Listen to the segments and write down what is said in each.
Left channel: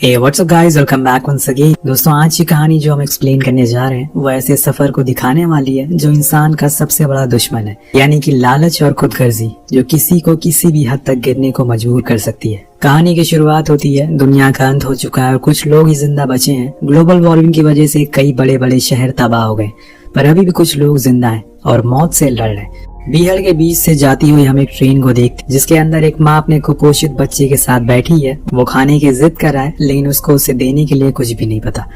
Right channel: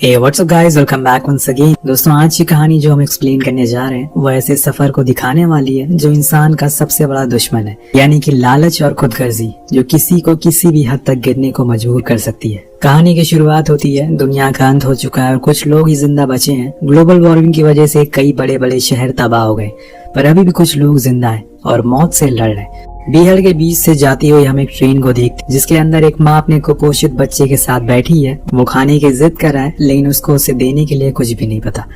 Hey, what's up guys? Welcome back once again। दोस्तों आज की कहानी जो हम एक्सप्लेन करने जा रहे हैं वो ऐसे सफर को दिखाने वाली है जो इंसान का सबसे बड़ा दुश्मन है, यानी कि लालच और खुदगर्जी, जो किसी को किसी भी हद तक गिरने को मजबूर कर सकती है। कहानी की शुरुआत होती है, दुनिया का अंत हो चुका है और कुछ लोग ही जिंदा बचे हैं। ग्लोबल वार्मिंग की वजह से कई बड़े बड़े शहर तबाह हो गए, पर अभी भी कुछ लोग जिंदा हैं और मौत से लड़ रहे हैं। बिहार के बीच से जाती हुई हम एक ट्रेन को देखते, जिसके अंदर एक माँ अपने कुपोषित बच्चे के साथ बैठी है। वो खाने की जिद कर रहा है, लेकिन उसको उसे देने के लिए कुछ भी नहीं पता।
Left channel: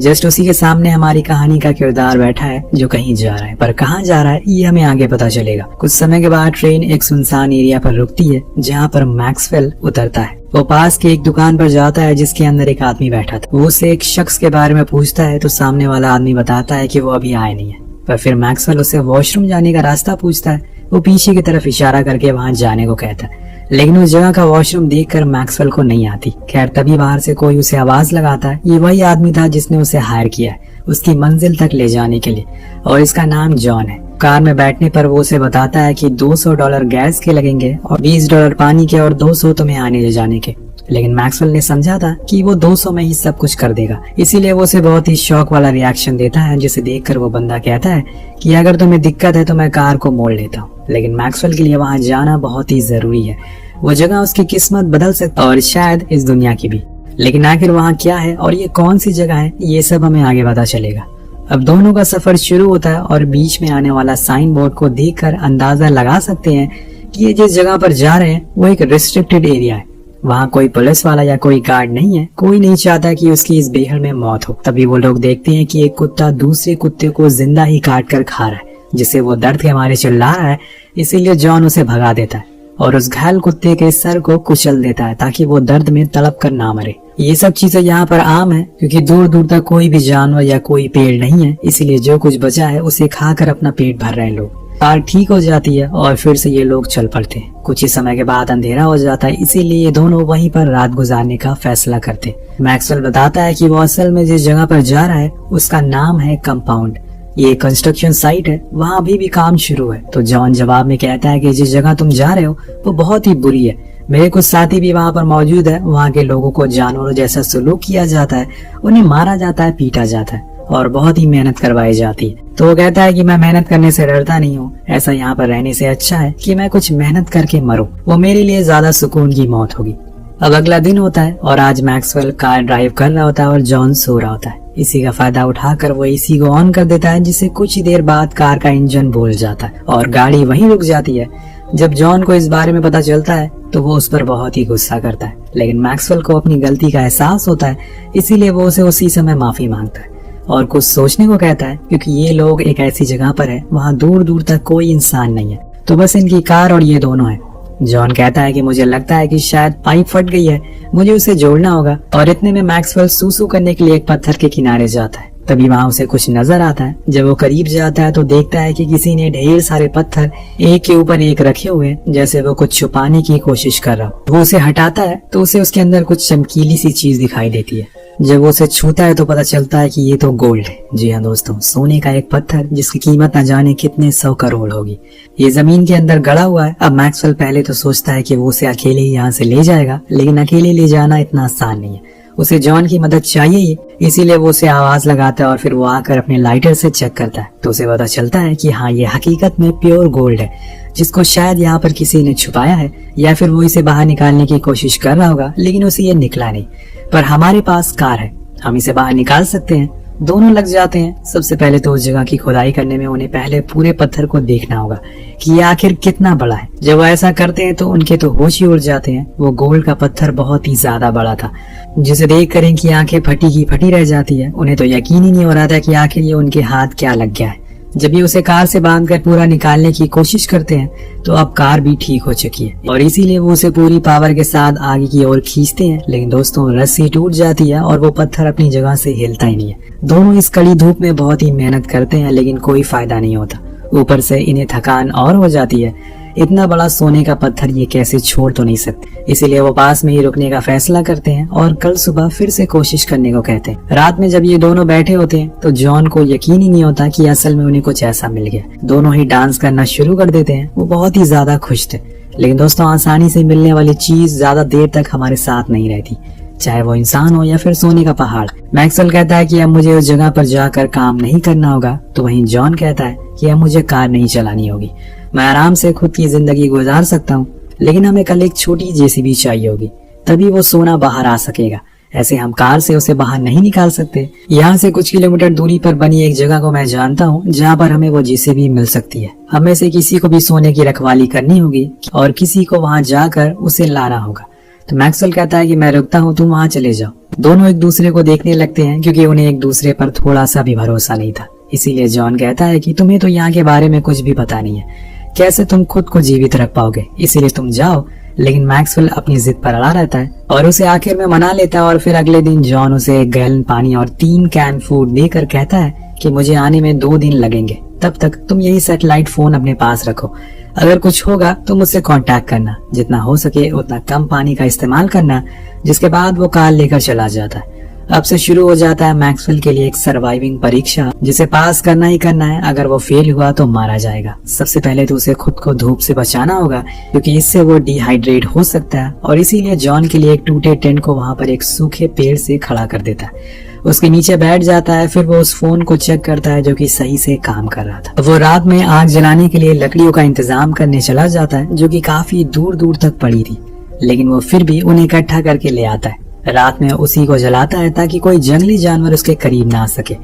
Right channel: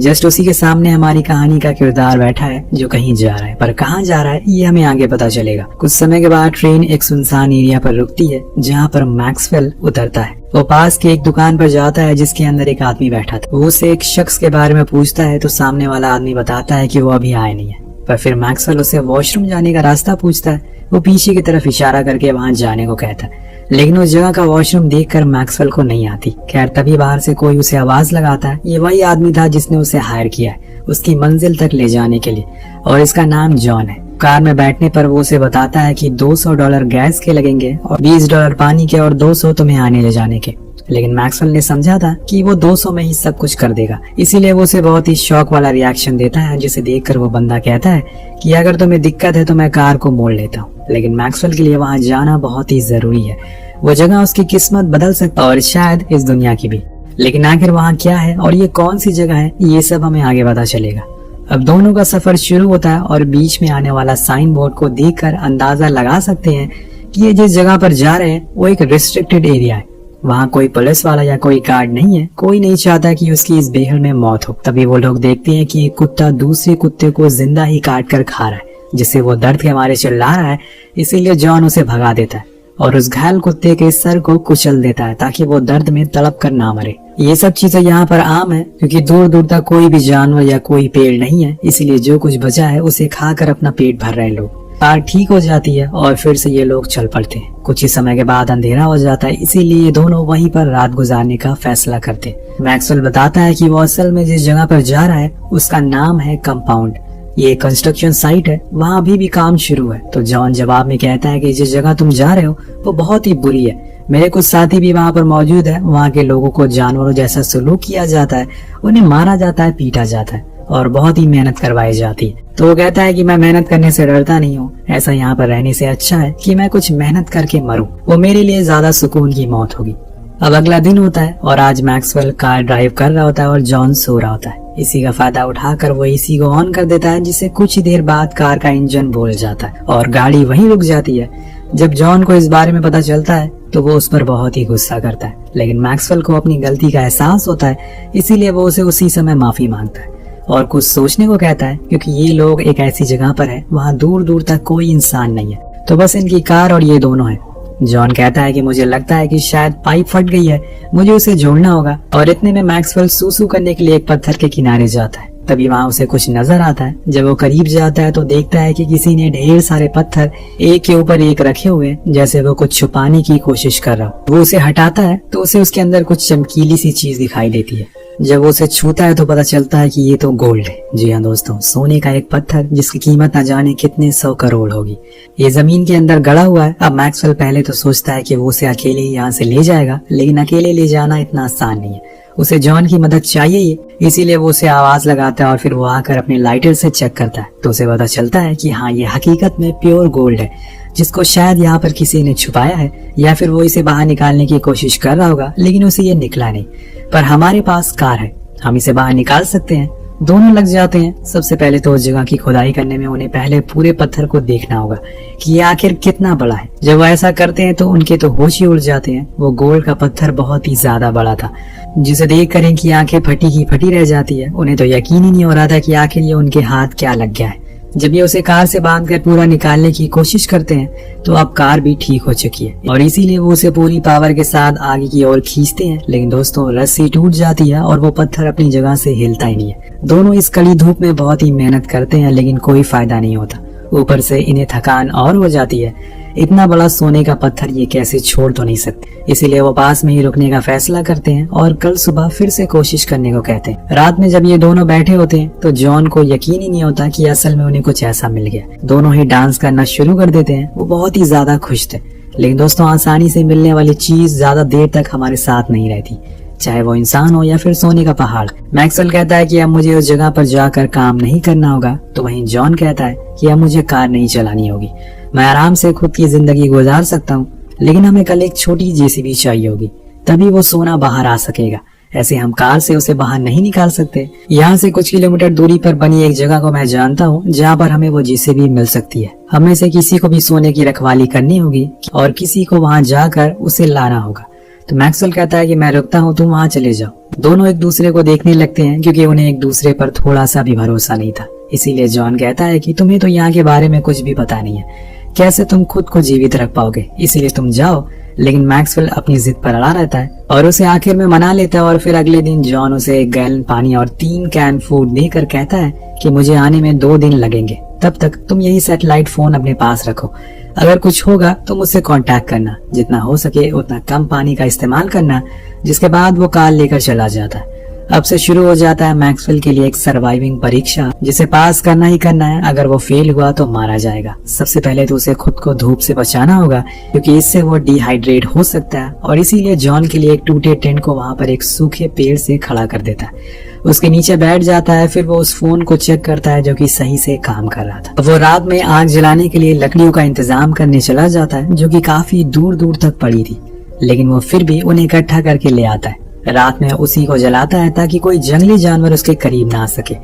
जस्ट उसी के सामने हमारी कहानी का किरदार बैठा है जो कहीं जा रहा है, पर कहाँ जा रहा है ये हमें आगे पता चलेगा। कुछ समय के बाद ट्रेन एक सुनसान एरिया पर रुकती है, जहाँ पर मैक्सवेल उतरता है। वो पास की एक दुकान पर जाता है जिसके अंदर एक आदमी बैठा था। वो उससे एक शख्स के बारे में पूछता है तो सामने वाला आदमी बताता है कि वो अभी आए नहीं है। पर फिर मैक्सवेल उससे वॉशरूम जाने का रास्ता पूछता है। वो पीछे की तरफ इशारा करके वहां जाने को कहता है, लेकिन उस जगह का वॉशरूम देखकर मैक्सवेल को नहीं आती। खैर तभी बाहर से कोई उसे आवाज लगाता है। ये वही आदमी था जिसने उसे हायर किया है उसकी मंजिल तक ले जाने के लिए, और इसका नाम जॉन है। कार में बैठने पर वो उसे बताता है कि $200 गैस के लगेंगे और $20 पानी के और 200 तुम्हें आने ले जाने के। लेकिन मैक्सवेल ने समझा था कि वो 200 में ही सब कुछ कर देगा, इसीलिए वो उसे बहुत ही शौक वाला रिएक्शन देता है, जिसे देखकर वो बंदा कहता है कि अगर तुम्हें दिक्कत है तो मैं कार को मोड़ लेता हूँ। लेकिन मैक्सवेल के लिए वहाँ जाना बहुत ही जरूरी है। वो जगह उसकी किस्मत बदल सकता है और शायद इस दुनिया की भी। लेकिन आखिर वहाँ क्या है और ये कौन सी जगह है, ये सब हमें आगे पता चलेगा। अब दोनों का सफर शुरू होता है और बीच में आने वाला साइन बोर्ड को देखकर अंदाजा लगा सकते हैं कि ये जिस जगह पर जा रहे हैं वो एक रिस्ट्रिक्टेड एरिया है। वहाँ कोई पुलिस वाला या कोई गार्ड नहीं है। कोई नहीं चाहता कि उसकी इस बेहद में मौत हो। तभी वो लोग देखते हैं कि एक कुत्ता दूसरे कुत्ते को जिंदा ही काट कर खा रहा है, जिसे वो दर्द के मारे चिल्ला रहा है। इसीलिए जॉन उसे भगा देता है और उस घायल कुत्ते के सर को कुचल देता है ताकि वो दर्द में तड़प कर ना मरे। ये सब चीजें यहाँ पर आम है क्योंकि दूर दूर तक कोई भी जानवर या कोई पेड़ नहीं है, इसीलिए जो कुछ बचा है उसे खाकर अपना पेट भर रहे लोग। कार ठीक हो जाती है और फिर से ये लोग चल पड़ते हैं। कुछ ही समय के बाद अंधेरा हो जाता है, इसीलिए ये दोनों वहीं पर रात गुजारने का फैसला करते हैं। मैक्सवेल बताता है कि वो असल में जिस जगह पर जा रहा है उसका नाम है कंपाउंड। ये कंस्ट्रक्शन साइट है, वहाँ अभी भी काम शुरू है। तो जॉन जवाब में कहता है कि जिस जगह तुम जा रहे हो वो बहुत ही बुरी है। मेरे कुछ साथी भी वहाँ पर मौजूद है। वहाँ के लोगों को जानवरों जैसा सलूक किया जाता है, उन्हें मारा जाता है, पीटा जाता है और बहुत ही मेहनत करवाई जाती है। तो वो कहता है कि मैं मेहनत करने से डरता नहीं हूँ, ऐसा यहाँ पर रहने से अच्छा है कि मैं कुछ मेहनत करके मरूं। वो मेरे लिए ज्यादा सुकून की मौत होगी। अब अगला दिन होता है और आज मैक्सवेल कार ड्राइव कर रहा होता है और जॉन सो रहा होता है। इसी का फायदा उठाकर वो इसी को ऑन कर देता है, जिससे कुछ ही देर बाद कार का इंजन बोल जाता है और गाड़ी वहीं रुक जाती है। जब जॉन को इस बारे में पता चलता है तो वो उस पर बहुत ही गुस्सा करता है, लेकिन मैक्सवेल को अपनी गलती का एहसास होता है, इसीलिए वो उसे उसी समय माफी मांगता है और कुछ सोचने को कहता है, क्योंकि ये लोग एक ऐसी जगह पर है वहाँ दूर दूर तक कोई इंसान नहीं है, तो बस इनकी कार और ये दोनों है। जॉन कहता है कि मुझे लगता है कि शायद पाइप फट गई है, मुझे उसे जोड़ना होगा। और इतने में मैक्सवेल सूसू करने के लिए एक पत्थर के किनारे जाता है। तभी वहाँ उसे कुछ नजर आता है। जब वो करीब जाता है तो देखता है कि किसी ने ढेर सारे पत्थर एक के ऊपर एक रखे हुए, जैसे वो कुछ छुपाने की कोशिश कर रहा। वो उसे हटाता है तो उसे उसके अंदर कुछ चमकीली सी चीज दिखाई देती है। जब वो उसे छूता है तो पता चलता है कि ये तो गोल्ड है। जी हाँ दोस्तों, सोने का एक पत्थर जिसकी कीमत न जाने कितने 100 करोड़ होगी। ये जमीन के अंदर गड़ा हुआ है। अब मैक्सवेल पहले तो सोचता है कि वो उसे अकेले ही यहाँ से ले जाएगा, लेकिन अकेले ले जाना इतना आसान नहीं है। उसे जॉन की मदद चाहिए ही, इसीलिए वो उसे आवाज लगाता है और फिर वो आकर अपने लाइटर से चेक करता है तो उसे पता चलता है कि हाँ, ये हकीकत में प्योर गोल्ड है, जिसको शायद यहाँ पर किसी ने छुपाया है या फिर वो इसे बाहर निकालने की कोशिश कर रहा होगा, लेकिन उसे ये निकला नहीं। पर हमारे पास कार है, हम इसे बाहर निकाल सकते हैं। दोनों लग जाते हैं। सबसे पहले तो उस जगह की खुदाई करने में उन्हें पहले पूरे पत्थर को देखना होगा कि ये आखिर कितना बड़ा है। जब वो ऐसा करते हैं तो उनके तो होश ही उड़ जाते हैं। वो गोल्ड का पत्थर बहुत ही ज्यादा बड़ा था, जिसे देख कर इनकी आंखें फटी ही फटी रह जाती है। उन्हें तो यकीन ही नहीं हो रहा था कि आखिर ये उनके हाथ क्या लग गया है। जब ये उसे कार से बांधकर पूरा निकालने की कोशिश करते हैं तो अब कार भी ठीक हो चुकी है और इसीलिए वो उसे पूरी पावर के साथ आगे की ओर खींचते हैं। लेकिन दोस्तों, रस्सी टूट जाती है और वो पत्थर अपनी जगह से हिलता ही नहीं है। दोनों इस कड़ी धूप में बहुत ही मेहनत करते हैं, लेकिन कोई फायदा नहीं होता। ऊपर से इन्हें थकान और हो जाती है। इतना बड़ा सोने का पत्थर ये कैसे छोड़ तो नहीं सकते, इसीलिए वो पास में ही रुकने का फैसला करते हैं और कल सुबह फिर से कोशिश करने को कहते हैं। रात में जब ये दोनों बैठे होते हैं तो जॉन को यकीन ही नहीं होता कि असल में उन्हें कुछ ऐसा मिल गया। दोनों ही डांस करना शुरू कर देते हैं। वो बहुत ही ज्यादा खुश थे, लेकिन दोस्तों आसानी से मिलने वाली चीज ज्यादा देर तक हमारे साथ नहीं रहती। चाहे वो इंसान हो या फिर सोने का पहाड़। मैक्सवेल कहता है कि अब मुझे उस जगह पर जाकर काम नहीं करना होगा, तो वहीं जॉन कहता है कि अब मुझे कार नहीं चलानी होगी, मैं आराम से खुद की जिंदगी गुजार सकता हूँ, लेकिन हमें कल एक छोटी जेसीबी चाहिए होगी, तभी वो सोना बाहर आ सकेगा। ऐसे हम कार से उसे बाहर नहीं निकाल सकते। यहाँ से कुछ किलोमीटर दूरी पर बनी एक जगह को मैं जानता हूँ जहाँ पर हमें वो जेसीबी मिल सकती है। हमें से किसी को भी सोने की रखवाली करनी होगी और किसी को वहाँ जाकर उसे लाना होगा। तो मैक्सवेल कहता है कि मैं रुकता हूँ, तुम वहाँ चले जाओ। दोनों एक दूसरे को देखने लगते हैं क्योंकि उन्हें एक दूसरे पर थोड़ा सा भी भरोसा नहीं था। इसीलिए जॉन कहता है कि तुम्हें तो यहाँ के बारे में कुछ भी पता नहीं है, कैसे तुम खुद को जीवित रख पाओगे, इसीलिए तुम जाओ। लेकिन मैक्सवेल अपनी जिद पर अड़ा रहता है और उसे आखिर में मना लेता है। और फिर अगले दिन जॉन उसे 1 गैलन पानी और 3 कैन फूड देकर कहता है कि मुझे आने में 2 दिन लगेंगे, तब तक तुम यही सैटेलाइट फोन अपने पास रखो। अगर कुछ होगा तो मुझसे कांटेक्ट करना, जितना हो सके उतना कम पानी का इस्तेमाल करना। जिसके बाद वो कार लेकर चला जाता है। अब से शुरू हो जाता है मैक्सवेल के लिए एक सर्वाइविंग परीक्षा, जिसे पास करना ही करना है। अगर वो फेल हुआ तो मारा जाएगा। सबसे पहले तो उसे खुद को धूप से बचाना होगा क्योंकि इससे वो डिहाइड्रेट हो सकता है, और इसीलिए जॉन के लिए एक टूटे टेंट को वहाँ पर एक सूखे पेड़ से खड़ा कर देता है। उसके नीचे बैठ जाता है। फिर वो उस फोन को चेक करता है जो कि सही से काम कर रहा था। वो रात में आग जलाने के लिए लकड़ियों का इंतजाम करने चला जाता है जो कि काफी दूर दूर तक पड़ी थी, लेकिन वो फिर भी उन्हें इकट्ठा करके ले आता है। रात में उसी को जलाता है ताकि कोई जंगली जानवर उसके करीब ना आ सके।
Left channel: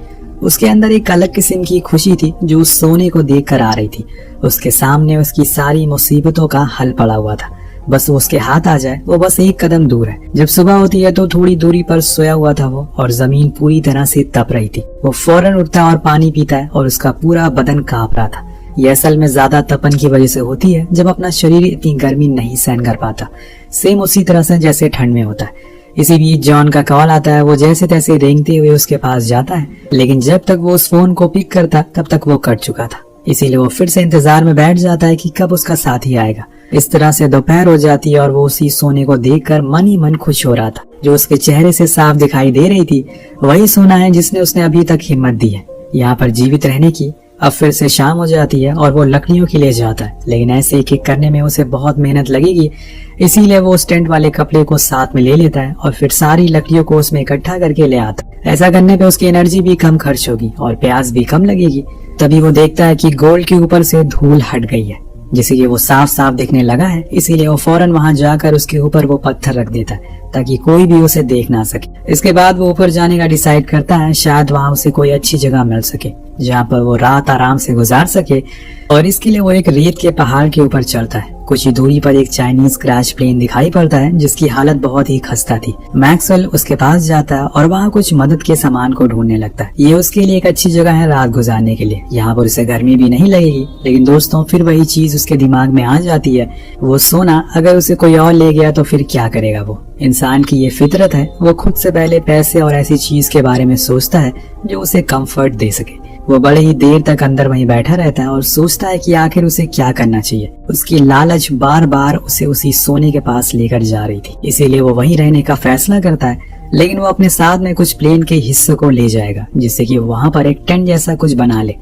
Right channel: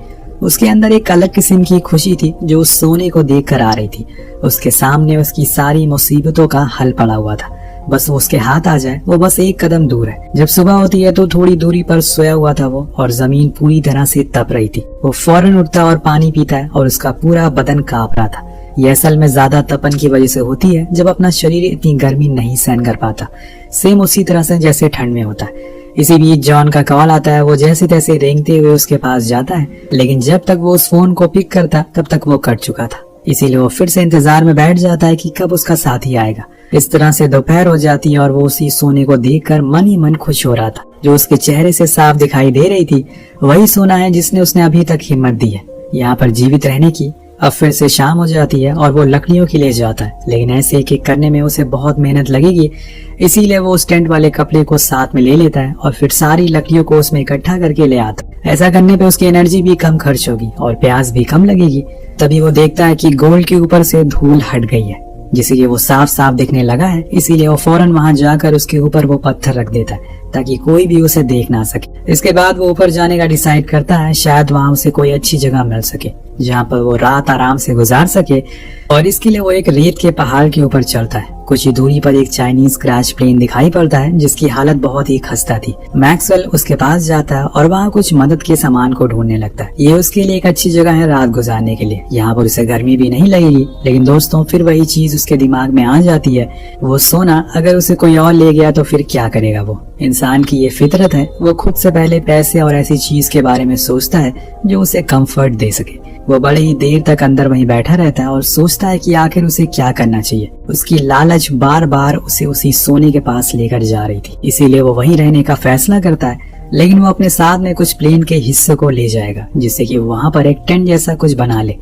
उसके अंदर एक अलग किस्म की खुशी थी जो उस सोने को देख कर आ रही थी। उसके सामने उसकी सारी मुसीबतों का हल पड़ा हुआ था, बस वो उसके हाथ आ जाए। वो बस एक कदम दूर है। जब सुबह होती है तो थोड़ी दूरी पर सोया हुआ था वो, और जमीन पूरी तरह से तप रही थी। वो फौरन उठता और पानी पीता है और उसका पूरा बदन कांप रहा था। ये असल में ज्यादा तपन की वजह से होती है जब अपना शरीर इतनी गर्मी नहीं सहन कर पाता, सेम उसी तरह से जैसे ठंड में होता है। इसी बीच जॉन का कॉल आता है। वो जैसे तैसे रेंगते हुए उसके पास जाता है, लेकिन जब तक वो उस फोन को पिक करता तब तक वो कट चुका था। इसीलिए वो फिर से इंतजार में बैठ जाता है कि कब उसका साथी आएगा। इस तरह से दोपहर हो जाती है और वो उसी सोने को देखकर मन ही मन खुश हो रहा था। जो उसके चेहरे से साफ दिखाई दे रही थी वही सोना है जिसने उसने अभी तक हिम्मत दी है यहाँ पर जीवित रहने की। अब फिर से शाम हो जाती है और वो लकड़ियों के लिए जाता है, लेकिन ऐसे एक एक करने में उसे बहुत मेहनत लगेगी। इसीलिए वो उस टेंट वाले कपड़े को साथ में ले लेता है और फिर सारी लकड़ियों को उसमें इकट्ठा करके ले आता है। ऐसा करने पे उसकी एनर्जी भी कम खर्च होगी और प्यास भी कम लगेगी। तभी वो देखता है कि गोल्ड के ऊपर से धूल हट गई है, जिसे कि वो साफ साफ दिखने लगा है। इसीलिए वो फौरन वहां जाकर उसके ऊपर वो पत्थर रख देता है ताकि कोई भी उसे देख ना सके। इसके बाद वो ऊपर जाने का डिसाइड करता है, शायद वहां उसे कोई अच्छी जगह मिल सके जहाँ पर वो रात आराम से गुजार सके। और इसके लिए वो एक रेत के पहाड़ के ऊपर चढ़ता है। कुछ ही दूरी पर एक चाइनीज क्रैश प्लेन दिखाई पड़ता है जिसकी हालत बहुत ही खस्ता थी। मैक्सवेल उसके पास जाता है और वहाँ कुछ मदद के सामान को ढूंढने लगता है। ये उसके लिए एक अच्छी जगह है रात गुजारने के लिए, यहाँ पर उसे गर्मी भी नहीं लगेगी। लेकिन दोस्तों फिर वही चीज उसके दिमाग में आ जाती है, वो सोना अगर उसे कोई और ले गया तो फिर क्या करेगा वो। इंसान की ये फितरत है, वो खुद से पहले पैसे और ऐसी चीज के बारे में सोचता है जो उसे कंफर्ट दे सके। वो बड़े ही देर तक अंदर वहीं बैठा रहता है और सोचता है कि आखिर उसे क्या करना चाहिए। उसकी लालच बार बार उसे उसी सोने के पास लेकर जा रही थी, इसीलिए वो वहीं रहने का फैसला करता है। लेकिन वो अपने साथ में कुछ प्लेन के हिस्सों को ले जाएगा जिससे कि वहाँ पर एक टेंट जैसा कुछ बना ले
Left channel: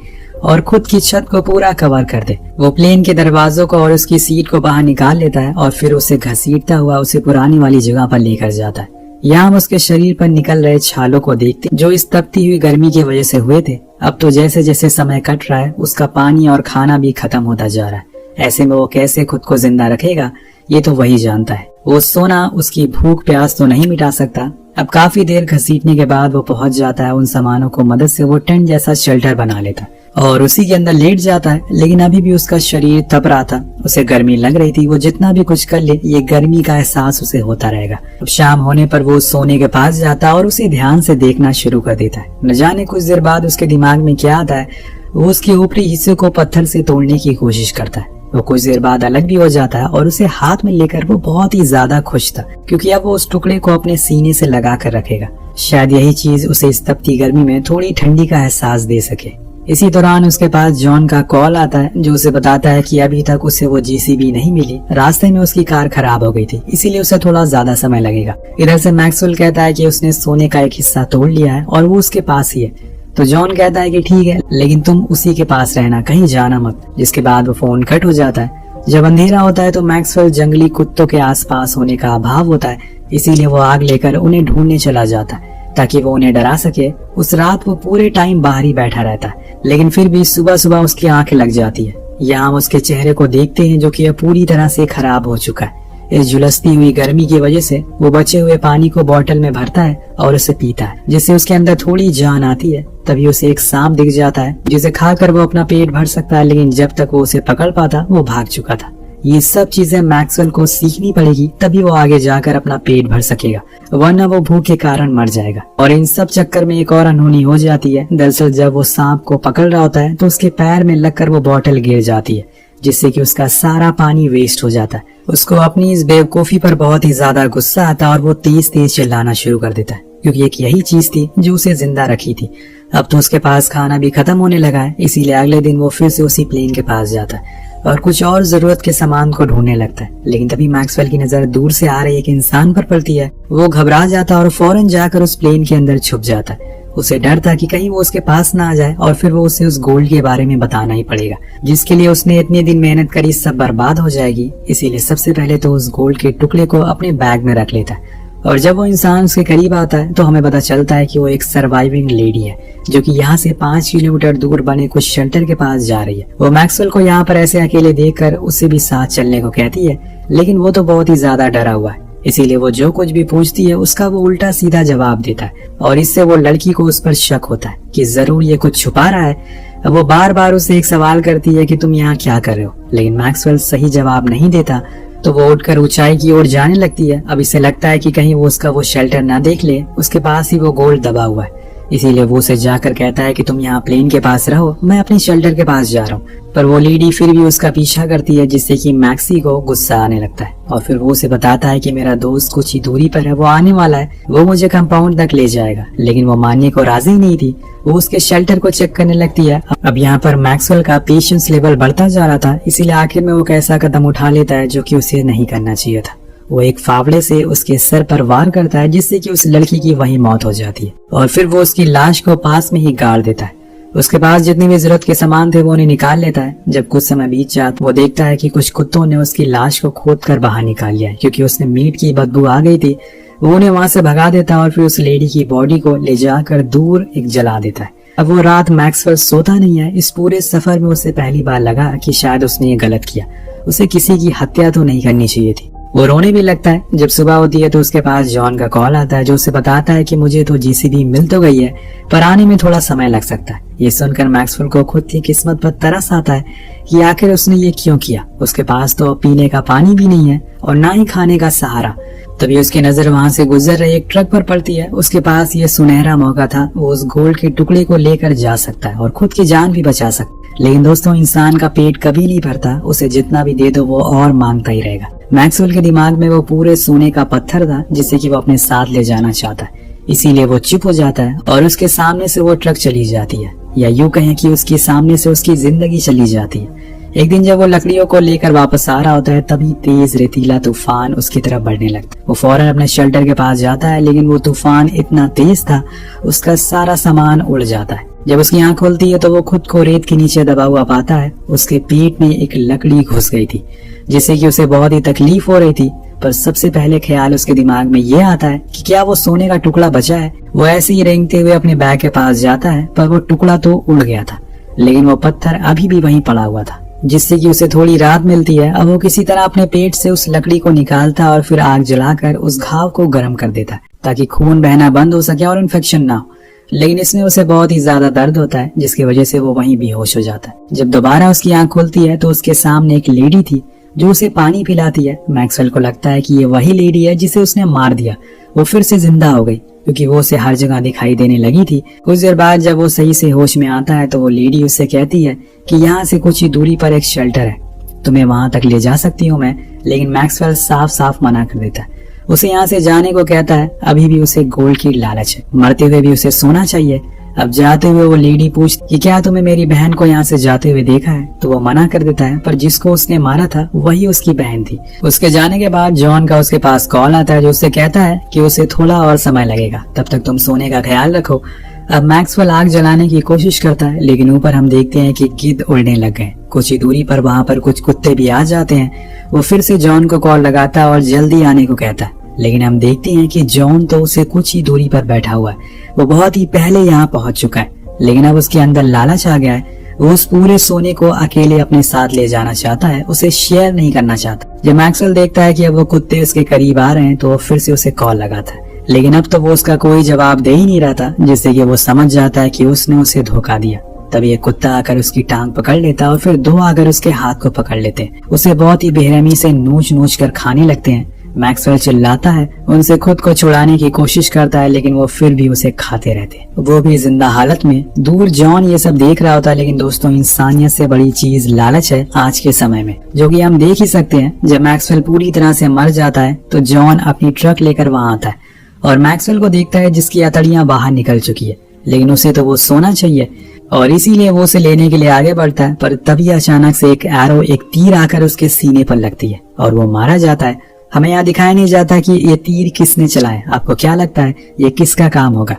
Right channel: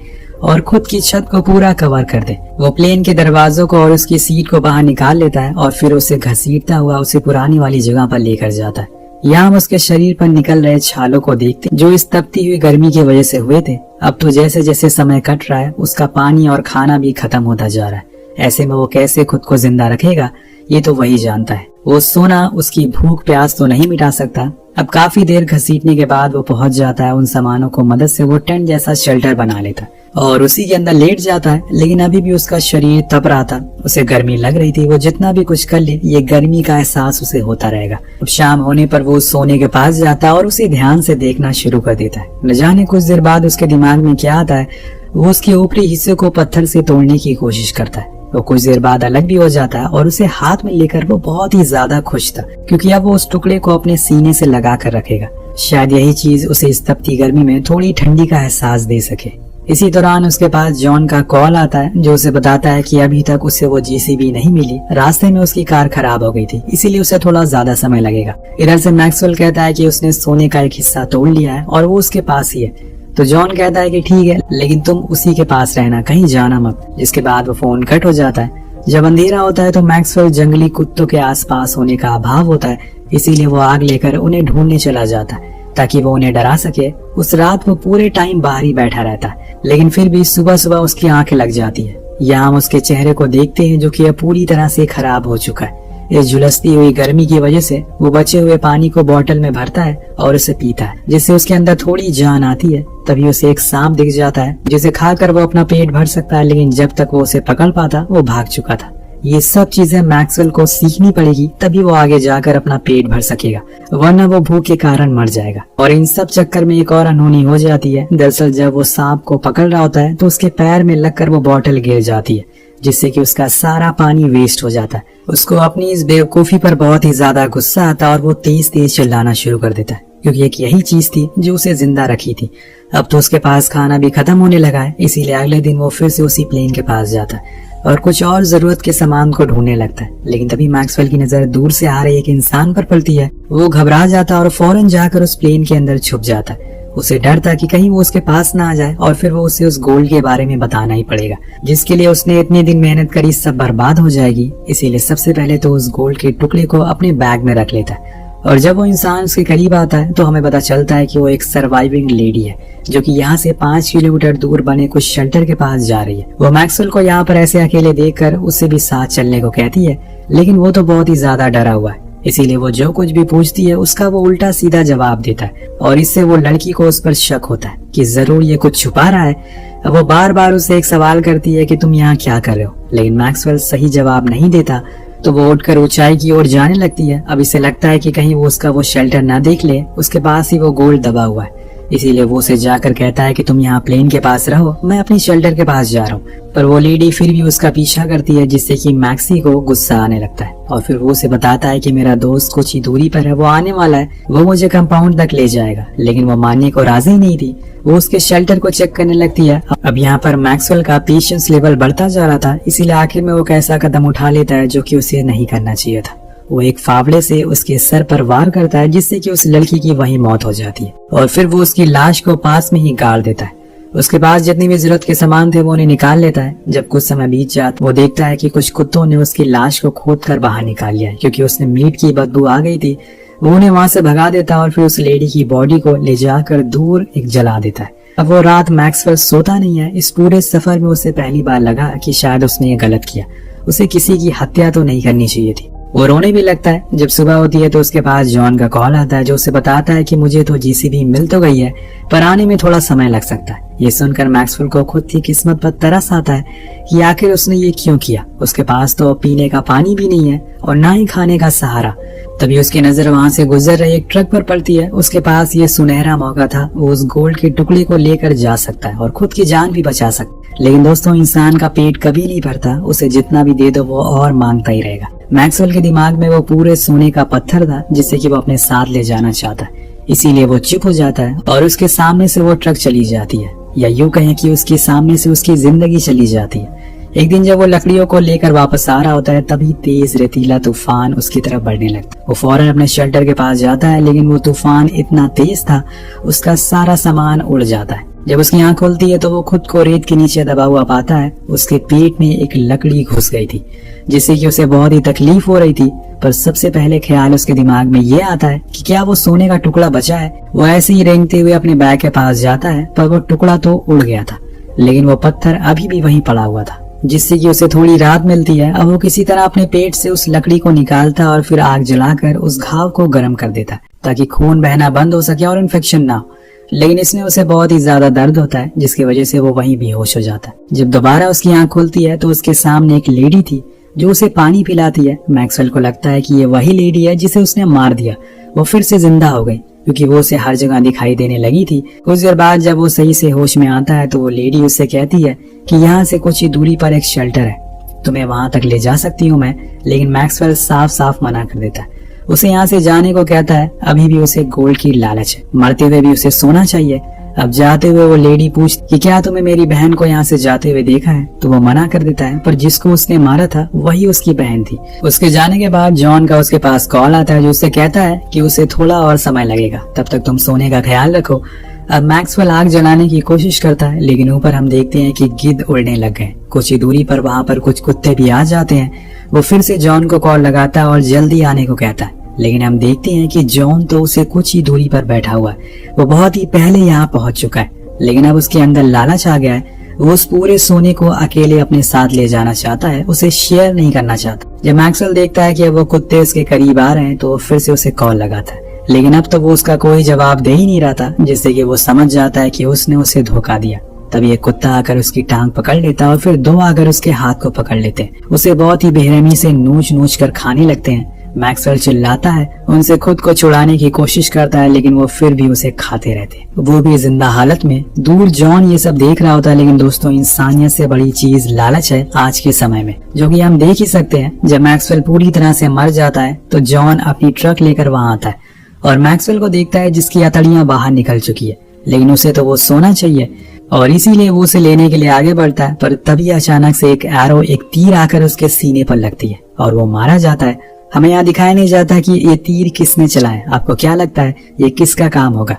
और खुद की छत को पूरा कवर कर दे। वो प्लेन के दरवाजों को और उसकी सीट को बाहर निकाल लेता है और फिर उसे घसीटता हुआ उसी पुरानी वाली जगह पर लेकर जाता है। यहाँ हम उसके शरीर पर निकल रहे छालों को देखते जो इस तपती हुई गर्मी की वजह से हुए थे। अब तो जैसे जैसे समय कट रहा है उसका पानी और खाना भी खत्म होता जा रहा है। ऐसे में वो कैसे खुद को जिंदा रखेगा ये तो वही जानता है। वो सोना उसकी भूख प्यास तो नहीं मिटा सकता। अब काफी देर घसीटने के बाद वो पहुंच जाता है। उन सामानों को मदद से वो टेंट जैसा शेल्टर बना लेता है और उसी के अंदर लेट जाता है। लेकिन अभी भी उसका शरीर तप रहा था, उसे गर्मी लग रही थी। वो जितना भी कुछ कर ले ये गर्मी का एहसास उसे होता रहेगा। अब शाम होने पर वो सोने के पास जाता है और उसे ध्यान से देखना शुरू कर देता है। न जाने कुछ देर बाद उसके दिमाग में क्या आता है, वो उसके ऊपरी हिस्से को पत्थर से तोड़ने की कोशिश करता है। वो कुछ देर बाद अलग भी हो जाता है और उसे हाथ में लेकर वो बहुत ही ज्यादा खुश था क्योंकि अब वो उस टुकड़े को अपने सीने से लगा कर रखेगा। शायद यही चीज उसे इस तपती गर्मी में थोड़ी ठंडी का एहसास दे सके। इसी दौरान उसके पास जॉन का कॉल आता है जो उसे बताता है कि अभी तक उसे वो जेसीबी नहीं मिली। रास्ते में उसकी कार खराब हो गई थी, इसीलिए उसे थोड़ा ज्यादा समय लगेगा। इधर से मैक्सवेल कहता है कि उसने सोने का एक हिस्सा तोड़ लिया है और वो उसके पास ही है। तो जॉन कहता है कि ठीक है, लेकिन तुम उसी के पास रहना, कहीं जाना मत। जिसके बाद वो फोन कट हो जाता है। जब अंधेरा होता है तो मैक्सवेल जंगली कुत्तों के आसपास होने का अभाव होता है इसीलिए वो आग लेकर उन्हें ढूंढने चला जाता है ताकि वो उन्हें डरा सके। उस रात वो पूरे टाइम बाहर ही बैठा रहता है, लेकिन फिर भी सुबह सुबह उसकी आंखें लग जाती है। यहाँ हम उसके चेहरे को देखते हैं जो कि अब पूरी तरह से खराब हो चुका है। इस झुलसती हुई गर्मी की वजह से वो बचे हुए पानी को बोतल में भरता है और उसे पीता है, जिससे उसके अंदर थोड़ी जान आती है। तभी उसे एक सांप दिख जाता है जिसे खाकर वो अपना पेट भर सकता है, लेकिन जब तक वो उसे पकड़ पाता वो भाग चुका था। ये सब चीजें मैक्सवेल को सीखनी पड़ेगी, तभी वो आगे जाकर अपना पेट भर सकेगा, वरना वो भूख के कारण मर जाएगा। और इन सब चक्कर में एक और अनहोनी हो जाती है। दरअसल जब वो सांप को पकड़ रहा होता है तो उसके पैर में लगकर वो बोतल गिर जाती है, जिससे कि उसका सारा पानी वेस्ट हो जाता है। उसको अपनी इस बेवकूफी पर बहुत ही ज्यादा गुस्सा आता है और वो तेज तेज चिल्लाना शुरू कर देता है, क्योंकि एक यही चीज थी जो उसे जिंदा रखी थी। अब तो उसके पास खाना भी खत्म होने लगा है, इसीलिए अगले दिन वो फिर से उसी प्लेन के पास जाता है और कुछ और जरूरत के सामान को ढूंढने लगता है। लेकिन तभी मैक्सवेल की नजर दूर से आ रही एक इंसान पर पड़ती है। वो घबरा जाता है और फौरन जाकर उस प्लेन के अंदर छुप जाता है। उसे डर था कि कहीं वो उसके पास ना आ जाए और फिर वो उसे उस गोल्ड के बारे में बताना ही पड़ेगा, जिसके लिए उसने इतने दिन मेहनत करी सब बर्बाद हो जाएगी। इसीलिए सबसे पहले तो उस गोल्ड के टुकड़े को अपने बैग में रख लेता है। और जब वो इंसान उसके करीब आता है तो हमें पता चलता है कि वो एक सर्वाइविंग लेडी है, जो कि यहाँ से 5 किलोमीटर दूर बने कुछ शेल्टर के पास जा रही है। वो मैक्सवेल को यहाँ पर ऐसे अकेले देखकर उससे भी साथ चलने को कहती है, लेकिन वो तो बहुत ही ज्यादा डरा हुआ है। इसीलिए वो जो कुछ भी पूछती है उसका वो उल्टा सीधा जवाब देता है और इससे वो लड़की को उस पर शक होता है कि जरूर ये कुछ छुपा रहा है। अब वो बार बार उससे एक सवाल करती है कि तुम यहाँ क्या कर रहे हो, लेकिन मैक्सवेल सही जवाब नहीं देता। तो वो उठकर ऊंचाई की ओर जाने लगती है। अब इसे लगता है कि कहीं वो उसका वो शेल्टर ना देख ले, उसके पास ही वो गोल्ड दबा हुआ है। इसीलिए वो उसे जाकर कहता है कि तुम यहाँ प्लेन के पास रहो, मैं अपनी शेल्टर के पास जा रहा हूँ। पर वो लेडी फिर भी उसका पीछा करती है, जिससे कि मैक्सी को गुस्सा आने लगता है और फिर वो उसे बताता है कि मेरा दोस्त कुछ ही दूरी पर है, वो आने वाला है, वो मुझे कंपाउंड तक ले जाएगा। लेकिन वो मानने को राजी नहीं थी। वो उसके शेल्टर को चेक करने लगती है। अब यहाँ पर मैक्सवेल का पेशेंस लेवल बढ़ता जा रहा था, इसीलिए आखिर में वो एक ऐसा कदम उठा लेता है जो कि उसे नहीं करना चाहिए था। वो एक फावड़े से उसके सर पर वार करता है, जिससे कि उस लड़की की वहीं मौत हो जाती है और फिर वो उसकी लाश को पास में ही गाड़ देता है। उसके पास जितनी भी जरूरत के सामान थे वो उन्हें निकाल लेता है। जब कुछ समय बीत जाता वो देखता है कि कुछ कुत्तों ने उसकी लाश को खोद कर बाहर निकाल लिया है, क्योंकि उसने मीट की बदबू आ गई थी। वो उन्हें वहां से भगा देता है और फिर उस लेडी की बॉडी को ले जाकर दूर एक जला देता है। अब वो रात मैक्सवेल सोता नहीं है। इस पूरे सफर में उसे पहली बार लगा कि शायद उसने ये गलत किया, उसे किसी की हत्या तो नहीं करनी चाहिए थी। वो रोने भी लगता है। जब सुबह होती है तो उसके पास जॉन का कॉल आता है, जो उसे बताता है कि मुझे तो जीसीबी मिल तो गई है, पर आने में थोड़ा समय लग सकता है। ये सुनकर मैक्सवेल को खुद की किस्मत पर तरस आता है कि आखिर उसने ये क्यों किया। उसके पास तो पीने का पानी भी नहीं है और ना ही खाने का सहारा। तभी उसकी नजर वहां से गुजर रही एक ट्रक पर पड़ती है। उसके पास ये सुनहरा मौका था, वो उस गोल्ड के टुकड़े को लेकर जा सकता है और खुद की जान भी बचा सकता है। लेकिन दोस्तों, इंसान का पेट कभी नहीं भरता, उसे जितना भी दे दो वो और मांगता ही रहेगा। मैक्सवेल के दिमाग में वो पूरे सोने का पत्थर था, जिसे कि वो अपने साथ ले जाना चाहता है। इसीलिए वो चुप हो जाता है और उसके सामने से वो ट्रक चली जाती है, या यूं कहें कि उसके सामने से उसकी जिंदगी चली जाती है। एक दिन जब वो लकड़ियों को लेकर वापस आ रहा होता है, तभी तेज रेतीला तूफान उसकी तरफ बढ़ने लगता है। वो फौरन अपने शेल्टर के पास जाता है, लेकिन वो तूफान इतना तेज था उसका सारा सामान उड़ जाता है। जब उसकी आंख खुलती है तो वो खुद को रेत के नीचे दबा हुआ पाता है। उसके पीठ में एक लकड़ी घुस गई थी, जिससे कि उसे बहुत ही तकलीफ हो रही थी। पर सबसे पहले ख्याल उसके दिमाग में ये आता है कि क्या वो सोने का टुकड़ा बचा है। वो ऐसे ही रेंगते हुए अपने बैग के पास जाता है, पर वो टुकड़ा तो उड़ गया था, लेकिन वो पत्थर अभी भी वहीं पड़ा हुआ था, जिससे कि उसे थोड़ी राहत मिलती है। अब वो किसी तरह अपने पेट से उस लकड़ी को निकालता और फिर आग जलाकर उस घाव को गर्म कर देता, ताकि खून बहना बंद हो सके और इन्फेक्शन ना हो। लेकिन इसमें उसे बहुत ही ज्यादा दर्द होता है, जिसकी वजह से वो वहीं बेहोश हो जाता है। जब दोबारा उसकी आंख खुलती है तो उसके सामने एक लेडी थी जो उसे पानी पिलाती है। मैक्सवेल को लगता है कि ये वही लेडी है जिसे उसने मार दिया। वो फिर से जिंदा हो गई, क्योंकि वो उसे हर जगह दिखाई देने लगी थी। कुछ देर बाद जब वो सही से होश में आता है तो वो लेडी उससे कहती है कि यहाँ से कुछ ही दूरी पर एक शेल्टर है, तुम्हें वहां तक ले जा सकती हूँ मैं। लेकिन मैक्सवेल साफ साफ मना कर देता है, उसे यहाँ से जाने को कहता है। अभी भी उसे गोल्ड की लालच है, मरते हुए भी उसे सोना चाहिए। अब जाते हुए वो लेडी पूछती कि क्या तुमने मेरी बहन को यहाँ से जाते हुए देखा है, तो वो मना कर देता है। पर जिसको उसने मारा था वही उसकी बहन थी। उसके जाने के बाद जॉन का उसके पास कॉल आता है, जो उससे कहता है कि उसे थोड़ा और समय लगेगा, तब तक तुम सोने का ख्याल रखो। अब मैक्सवेल आग जलाने की कोशिश करता है, लेकिन ऊपर हम देखते हैं कि गिद्ध उड़ने लग गए। कुछ ही दूरी पर वहाँ पर कुछ कुत्ते भी आ जाते हैं। वो फिर से जॉन को कॉल लगाता है और जल्दी आने को कहता है, लेकिन हम देखते हैं कि जॉन तो उसे कुछ ही दूरी पर बैठा हुआ है। वो बहुत ही पहले यहाँ पहुंच चुका है, लेकिन अब उसके अंदर लालच आ गया है। वो उस पूरे सोने को अकेले अपने साथ ले जाना चाहता है, उसे शेयर नहीं करना चाहता। जब मैक्सवेल देखता है कि अब वो कुत्ते उसके करीब आ रहे हैं तो वो फिर से उसे कॉल लगाता है, लेकिन अब तो वो उसका कोई जवाब दे ही नहीं रहा था, जिससे कि वो समझ जाता है कि उसने उसे धोखा दिया। तभी एक कुत्ता आकर उसकी टांग पकड़ लेता है और फिर 2 आकर उसके हाथ को पकड़ लेते हैं। उसे बहुत ही बेरहमी से नोच नोच कर खाने लगते हैं। मैक्सवेल चिल्लाता है, उनसे खुद को छुड़ाने की कोशिश करता है, लेकिन वो फिर भी उसे खाते रहते, वो भी जिंदा हालत में। दूर जॉन ये सब देख रहा होता है, लेकिन दोस्तों इंसानियत से बड़ी चीज लालच है आज के समय में, जो कि हम देख ही सकते हैं। जब मैक्सवेल पूरी तरह से मर जाता है तो जॉन अपनी ट्रक लेकर वहां आता है और मैक्सवेल को देखता है जिसकी अतड़ियां बाहर निकल चुकी है, लेकिन उसे तो वो सोना चाहिए और इसीलिए वो उसे लेने के लिए आगे बढ़ता है। पर तभी अचानक से एक एरो, एक तीर आकर उसके सीने पर लगती है और वो मारा जाता है। हमें यहाँ दिखाया नहीं जाता कि ये तीर किसने चलाया। आपको क्या लगता है ये किसका काम होगा?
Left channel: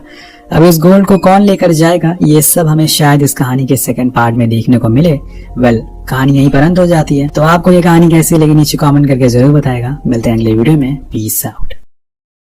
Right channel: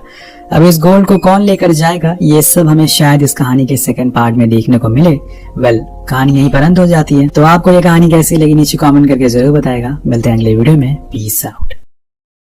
अब इस गोल्ड को कौन लेकर जाएगा, ये सब हमें शायद इस कहानी के सेकंड पार्ट में देखने को मिले। कहानी यही पर अंत हो जाती है। तो आपको ये कहानी कैसी लगी नीचे कमेंट करके जरूर बताएगा। मिलते हैं अगले वीडियो में। Peace out.